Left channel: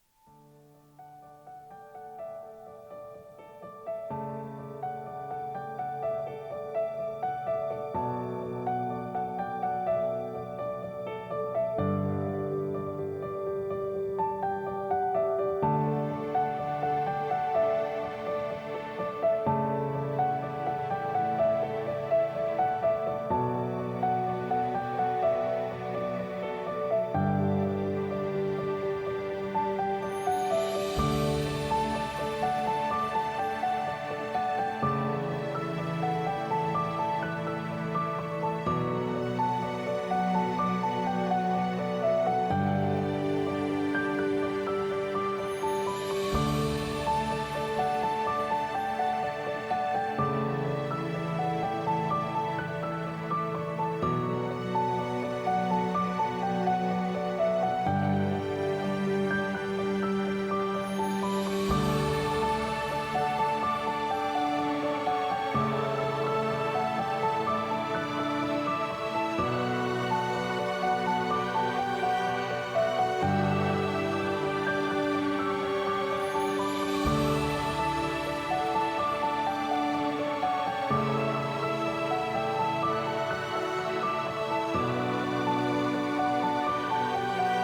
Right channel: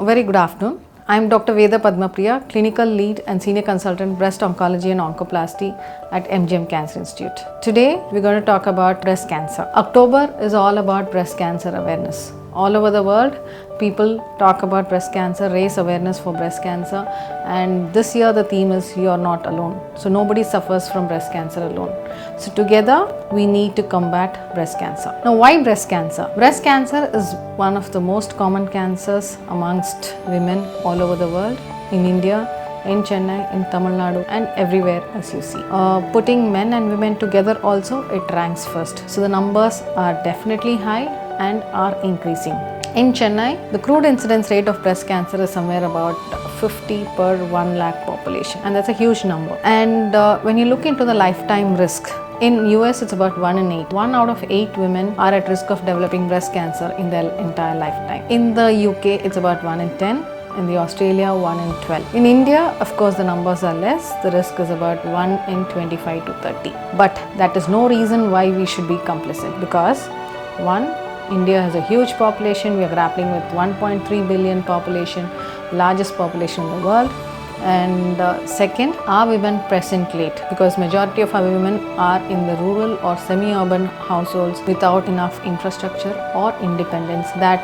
A very good afternoon. I am Dr. Veda Padma Priya, Clinical Lead and Senior Consultant Breast Oncology and Oncoplasty at MGM Cancer Institute. Today, we're going to talk about breast cancer. October is all about breast cancer awareness. All over the world, people talk about breast cancer, raise awareness for breast cancer, and this year the theme is "You're Not Alone." So nobody suffers from breast cancer alone. So together, we need to combat breast cancer. Now, why breast cancer? Breast cancer is one of the most common cancers amongst women all over the world, in India, in Chennai, in Tamil Nadu, and everywhere as you see. Putting men and women together also, it ranks first. So the numbers are definitely high and are increasing. In Chennai, the crude incidence rate of breast cancer is somewhere about 50 per 1 lakh population, and that's a huge number. And when you look into the lifetime risk, in US it's about 1 in 8. 1 out of 8 women are at risk of developing breast cancer in their entire lifetime. In the UK it's about 1 in 10. In the Australia, 1 in 12. In India, of course, the numbers are less. The risk is about 1 in 25 to 30. But that is no reason why we should be complicit, because one, India has a huge population. We are grappling with 1.3 billion population, largest population in the world. And second, our women present late, because majority of our women are in the rural or semi-urban households without enough infrastructure or independence that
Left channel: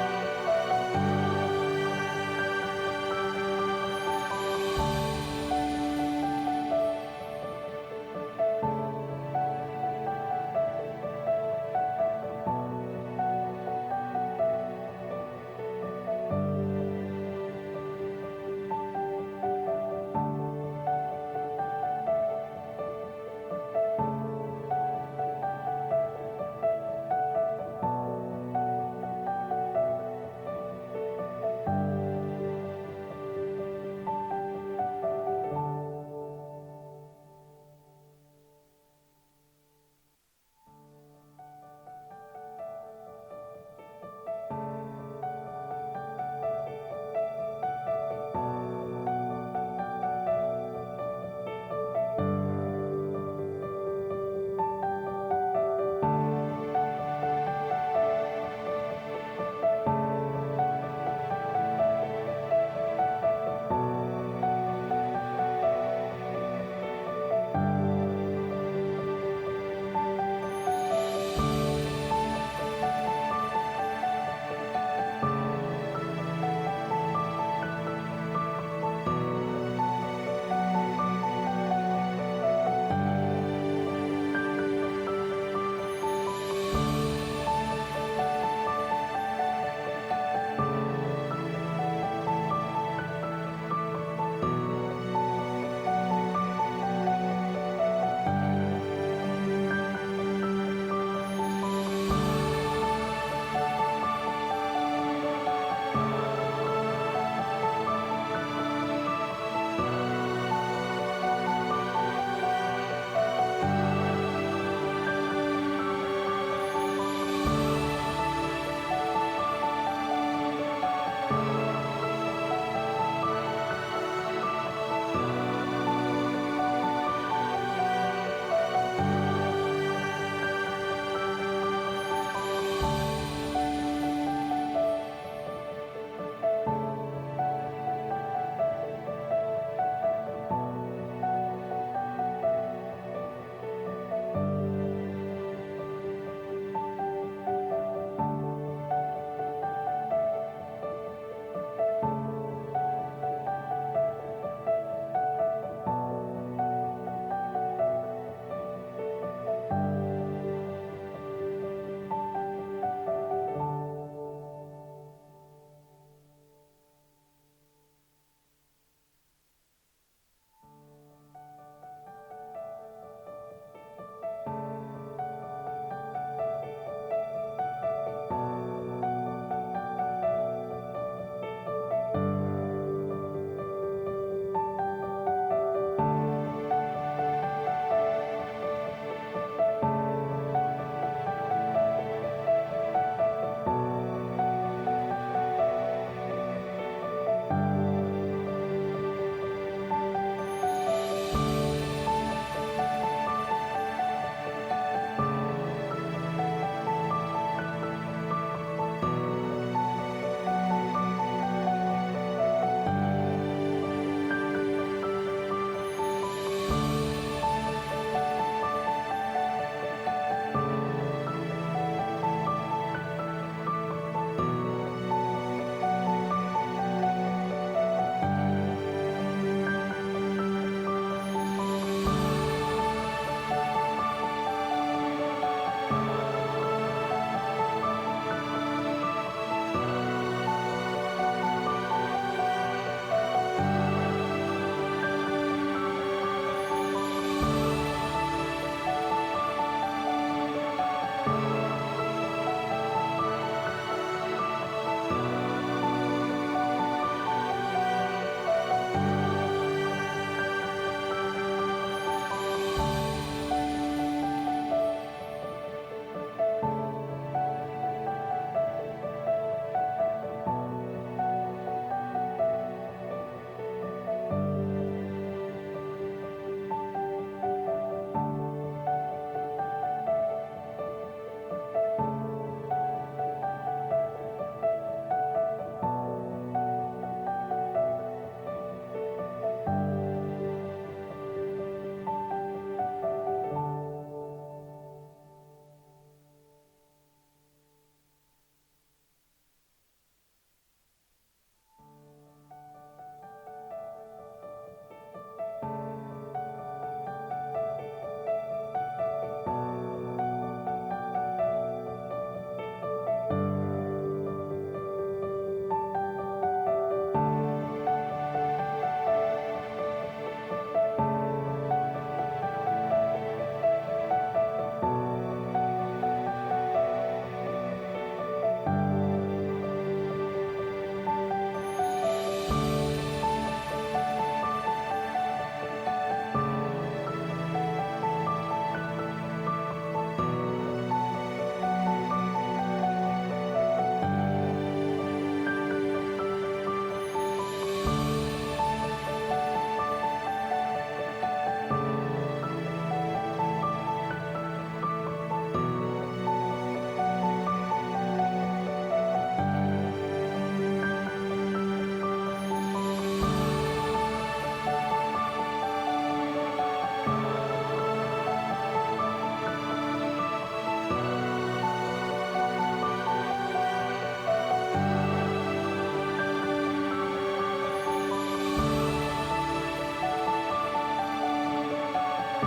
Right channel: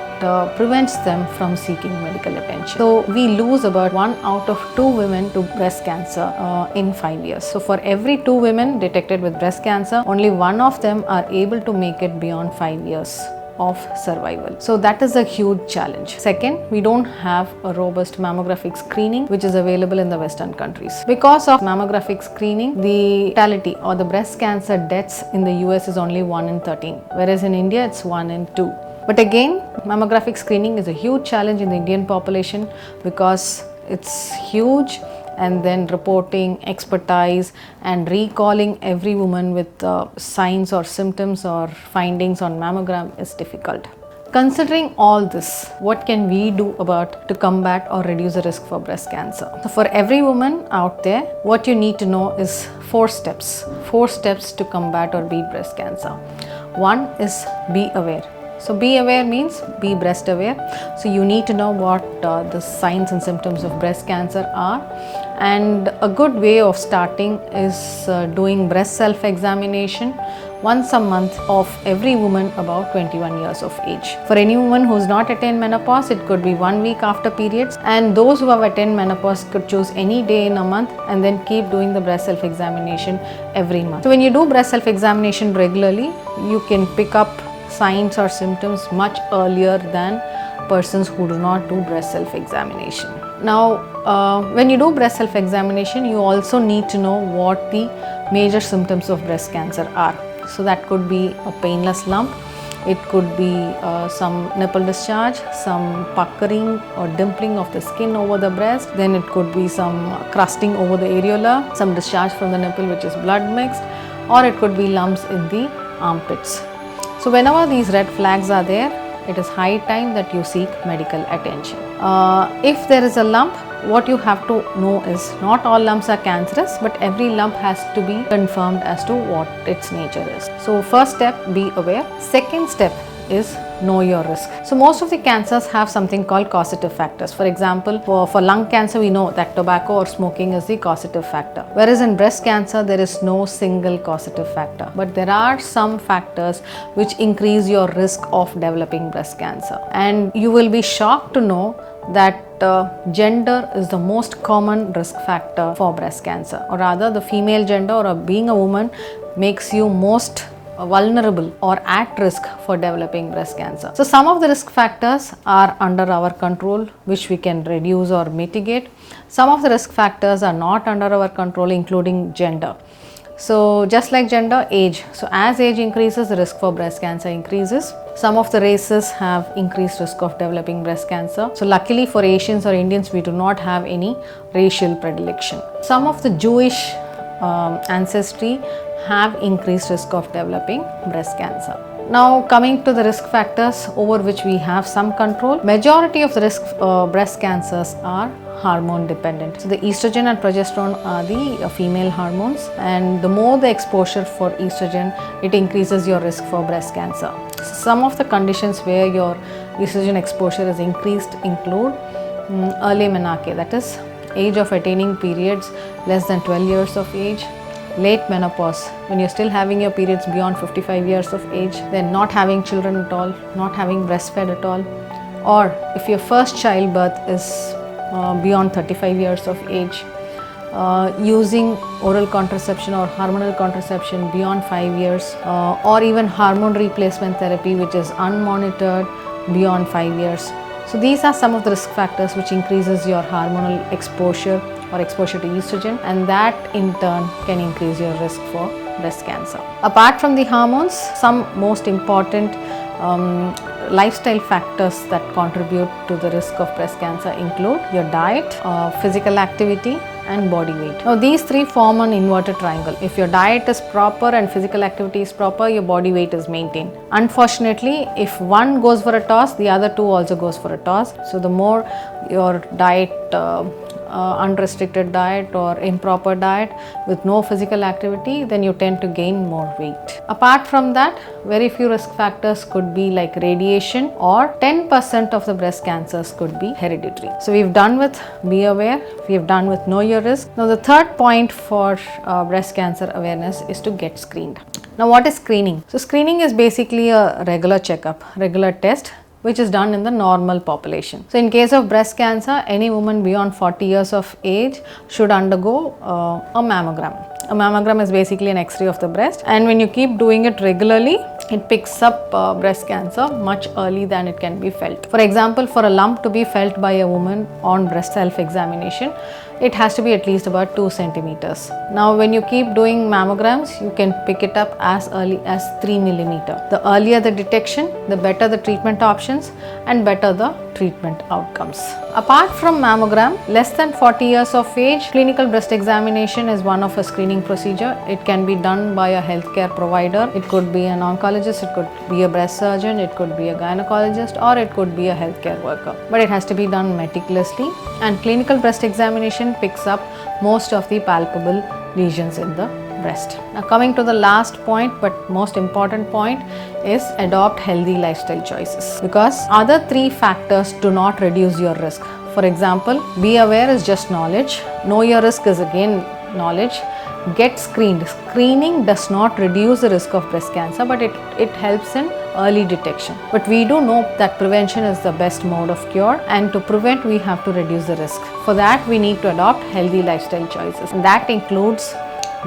prevents them from seeking medical attention. So we lose about 1 out of 2 women to breast cancer in 5 years. So for every 2 women detected with breast cancer, only 1 of them are able to make it beyond 5 years of survival. So that is a huge challenge. Second, we don't have a robust mammographic screening which is available in the Western countries. Because of mammographic screening, the mortality or the breast cancer deaths in the US is only 1 in 13, whereas in India it's 1 in 2. But again, mammographic screening is a huge challenge in the Indian population because it's huge, and then reporting, expertise, and recalling every woman with signs or symptoms or findings on mammogram is difficult. Considering all this, what can we do about to combat or reduce the risk for breast cancer? So for every woman out there, what you need to know is 4 steps. 4 steps to combat or beat breast cancer. One is be aware. So be aware means be breast aware. So you need to know what the signs and symptoms of breast cancer are. And a good way of starting is doing breast self-examination once a month of every woman above 21 years of age. For any woman who's not attained menopause, it could be 1 week after periods, and those who have attained menopause could choose any day in a month and then keep doing the breast self-examination every month. So when you do breast self-examination regularly, you can pick up signs or symptoms much earlier than persons who do not do breast self-examination. Now, when you do breast self-examination, you also need to know what the major symptoms of breast cancer are. So that could be a painless lump, it could be some nipple discharge, some puckering or dimpling of the skin over the breast, then it could be some crusting over the areola, some discharge from the nipple which is blood mixed, or it could be lumps in the armpits. So whenever these red flags are there, it is high time that you seek medical attention. If there is a lump, what you have to know is not all lumps are cancerous, but every lump has to be confirmed as to what its nature is. So first step, be aware. Second step is know your risk. So most of the cancers have something called causative factors. For example, for lung cancer, we know that tobacco or smoking is the causative factor. Whereas in breast cancer, there is no single causative factor. But there are some factors which increase your risk of developing breast cancer. And you will be shocked to know that gender is the most common risk factor for breast cancer, or rather the female gender or being a woman makes you most vulnerable or at risk for developing breast cancer. So some of the risk factors are under our control, which we can reduce or mitigate. Some of the risk factors are not under our control, including gender. So just like gender, age. So as age increases, the risk for breast cancer increases. Some of the races have increased risk of developing breast cancer. So luckily for Asians or Indians, we do not have any racial predilection. Some of the Jewish ancestry have increased risk of developing breast cancer. Now coming to the risk factors over which we have some control, majority of the risk breast cancers are hormone dependent. So the estrogen and progesterone are the female hormones, and the more the exposure for estrogen, it increases your risk for breast cancer. Some of the conditions where your estrogen exposure is increased include early menarche, that is age of attaining periods less than 12 years of age, late menopause, when you're still having your periods beyond 55 years of age, then not having children at all, not having breastfed at all, or if your first childbirth is beyond 35 years of age, using oral contraception or hormonal contraception beyond 5 years, or even hormone replacement therapy which is unmonitored beyond 5 years. So these are some of the risk factors which increases your hormonal exposure or exposure to estrogen, and that in turn can increase your risk for breast cancer. Apart from the hormones, some most important lifestyle factors that contribute to the risk of breast cancer include your diet, physical activity and body weight. Now these three form an inverted triangle. If your diet is proper and physical activity is proper, your body weight is maintained. Unfortunately, if one goes for a toss, the other two also goes for a toss. So the more your diet, unrestricted diet or improper diet with no physical activity, then you tend to gain more weight. Apart from that, very few risk factors could be like radiation, or 10% of the breast cancers could be hereditary. So we've done with be aware, we've done with know your risk. Now the third point for breast cancer awareness is to get screened. Now what is screening? So screening is basically a regular checkup, regular test which is done in the normal population. So in case of breast cancer, any woman beyond 40 years of age should undergo a mammogram. A mammogram is basically an X-ray of the breast, and when you keep doing it regularly, it picks up breast cancer much early than it can be felt. For example, for a lump to be felt by a woman on breast self-examination, it has to be at least about 2 centimeters. Now when you keep doing mammograms, you can pick it up as early as 3 millimeter. The earlier the detection, the better the treatment options and better the treatment outcomes. Apart from mammogram, less than 40 years of age, clinical breast examination is one of a screening procedure. It can be done by a healthcare provider. It could be an oncologist, it could be a breast surgeon, it could be a gynecologist, or it could be a healthcare worker. But it has to be done meticulously, and clinical breast examination picks up most of the palpable lesions in the breast. Now coming to the last point but most important point is adopt healthy lifestyle choices, because other three factors do not reduce your risk. For example, be aware is just knowledge, know your risk is again knowledge, get screened. Screening does not reduce the risk of breast cancer, but it helps in early detection. But we do know that prevention is the best mode of cure, and to prevent we have to reduce the risk. For that we need to adopt healthy lifestyle choices, and that includes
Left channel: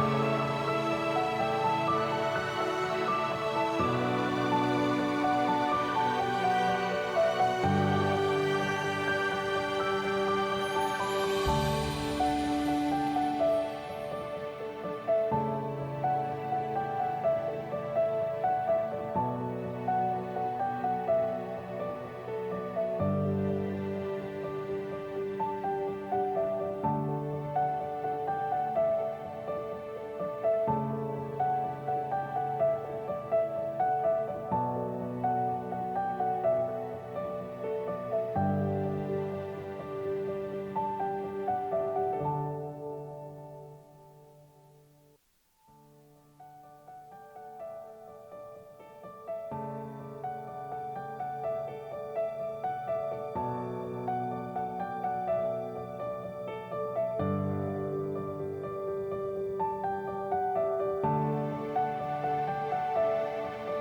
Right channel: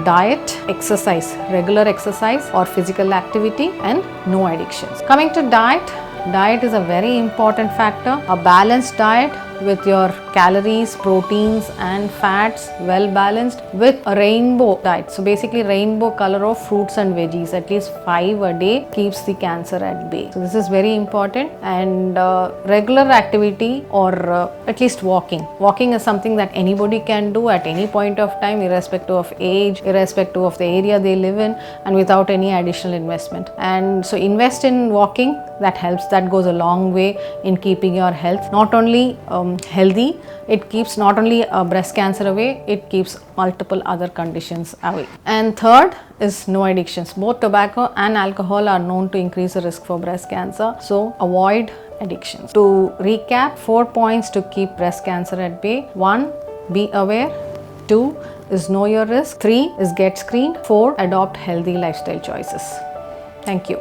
diet, exercise, regular exercise or physical activity, and no addictions. Coming to diet, diet is a very important factor. A balanced diet with your calories, proteins and fats well balanced with a rainbow diet. So basically rainbow color of fruits and veggies, at least 5 a day, keeps the cancer at bay. So this is very important. And regular activity, or at least walking. Walking is something that anybody can do at any point of time, irrespective of age, irrespective of the area they live in, and without any additional investment. And so invest in walking, that helps, that goes a long way in keeping your health not only healthy, it keeps not only breast cancer away, it keeps multiple other conditions away. And third is no addictions. Both tobacco and alcohol are known to increase the risk for breast cancer, so avoid addictions. To recap, 4 points to keep breast cancer at bay. 1, be aware. 2 is know your risk. 3 is get screened. 4, adopt healthy lifestyle choices. Thank you.